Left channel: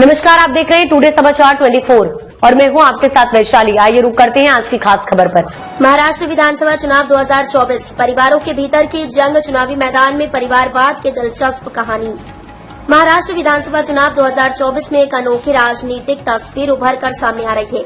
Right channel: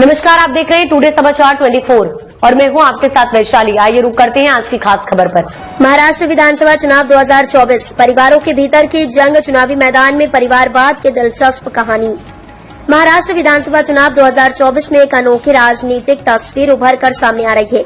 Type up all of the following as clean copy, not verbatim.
नमस्कार, आप देख रहे हैं टुडे समाचार 24 और मैं हूं आपके साथ वैशाली। आइए रुक करते हैं आज की खास खबर पर। महाराष्ट्र विधानसभा चुनाव 2024 परिवारों के भीतर की जंग, चुनावी मैदान में परिवारवाद की दिलचस्प कहानी। महाराष्ट्र विधानसभा चुनाव 2024 में एक अनोखी राजनीतिक तस्वीर उभर कर सामने आ रही है,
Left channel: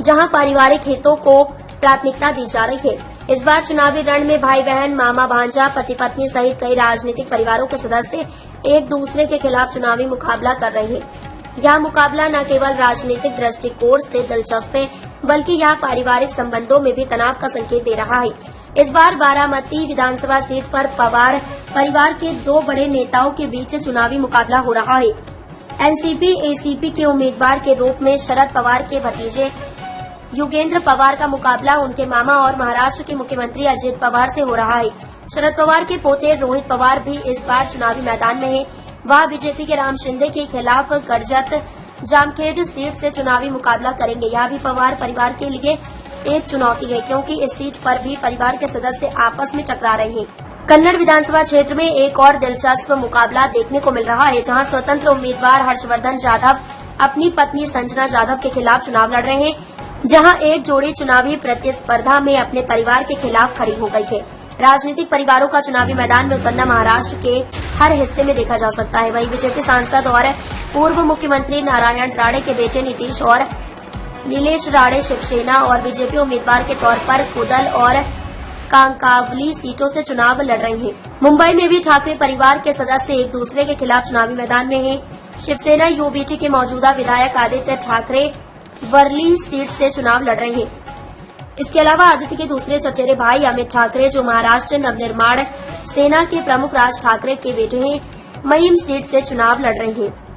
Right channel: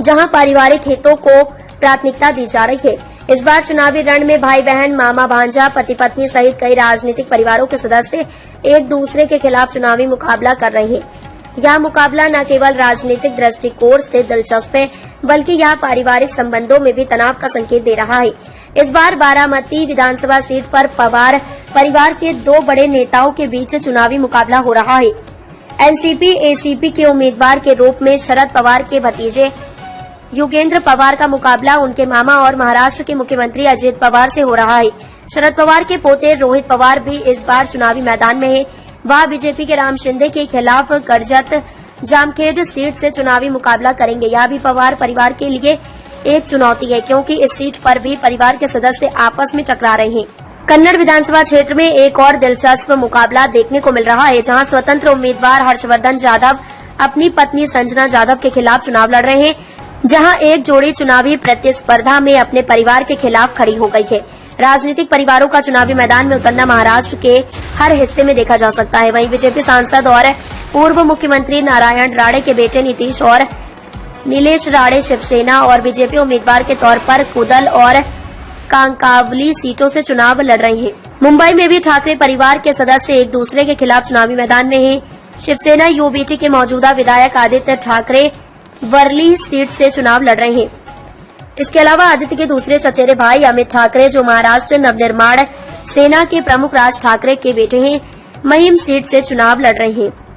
जहां पारिवारिक हितों को प्राथमिकता दी जा रही है। इस बार चुनावी रण में भाई बहन, मामा भांजा, पति पत्नी सहित कई राजनीतिक परिवारों के सदस्य एक दूसरे के खिलाफ चुनावी मुकाबला कर रहे हैं। यह मुकाबला न केवल राजनीतिक दृष्टिकोण से दिलचस्प है, बल्कि यह पारिवारिक संबंधों में भी तनाव का संकेत दे रहा है। इस बार बारामती विधानसभा सीट पर पवार परिवार के दो बड़े नेताओं के बीच चुनावी मुकाबला हो रहा है। एनसीपी एसीपी के उम्मीदवार के रूप में शरद पवार के भतीजे युगेंद्र पवार का मुकाबला उनके मामा और महाराष्ट्र के मुख्यमंत्री अजित पवार से हो रहा है। शरद पवार के पोते रोहित पवार भी इस बार चुनावी मैदान में है। वह बीजेपी के राम शिंदे के खिलाफ कर्जत जामखेड सीट से चुनावी मुकाबला करेंगे। यह भी पवार परिवार के लिए एक चुनौती है, क्योंकि इस सीट पर भी परिवार के सदस्य आपस में टकरा रहे हैं। कन्नड़ विधानसभा क्षेत्र में एक और दिलचस्प मुकाबला देखने को मिल रहा है, जहां स्वतंत्र उम्मीदवार हर्षवर्धन जाधव अपनी पत्नी संजना जाधव के खिलाफ चुनाव लड़ रहे हैं, जहां एक जोड़ी चुनावी प्रतिस्पर्धा में अपने परिवार के खिलाफ खड़ी हो गई है। राजनीतिक परिवारों का चुनावी मैदान में उतरना महाराष्ट्र के हर हिस्से में देखा जा सकता है। वहीं बीजेपी सांसद और पूर्व मुख्यमंत्री नारायण राणे के बेटे नीतीश और नीलेश राणे शिवसेना और बीजेपी उम्मीदवार के तौर पर कुदल और कांकावली सीटों से चुनाव लड़ रहे हैं। मुंबई में भी ठाकरे परिवार के सदस्य एक दूसरे के खिलाफ चुनावी मैदान में हैं। शिवसेना यूबीटी के मौजूदा विधायक आदित्य ठाकरे वर्ली सीट से चुनाव लड़ रहे हैं। इसके अलावा आदित्य के दूसरे चचेरे भाई अमित ठाकरे, जो महाराष्ट्र नवनिर्माण सेना के प्रमुख राज ठाकरे के बेटे हैं, महिम सीट से चुनाव लड़ रहे हैं।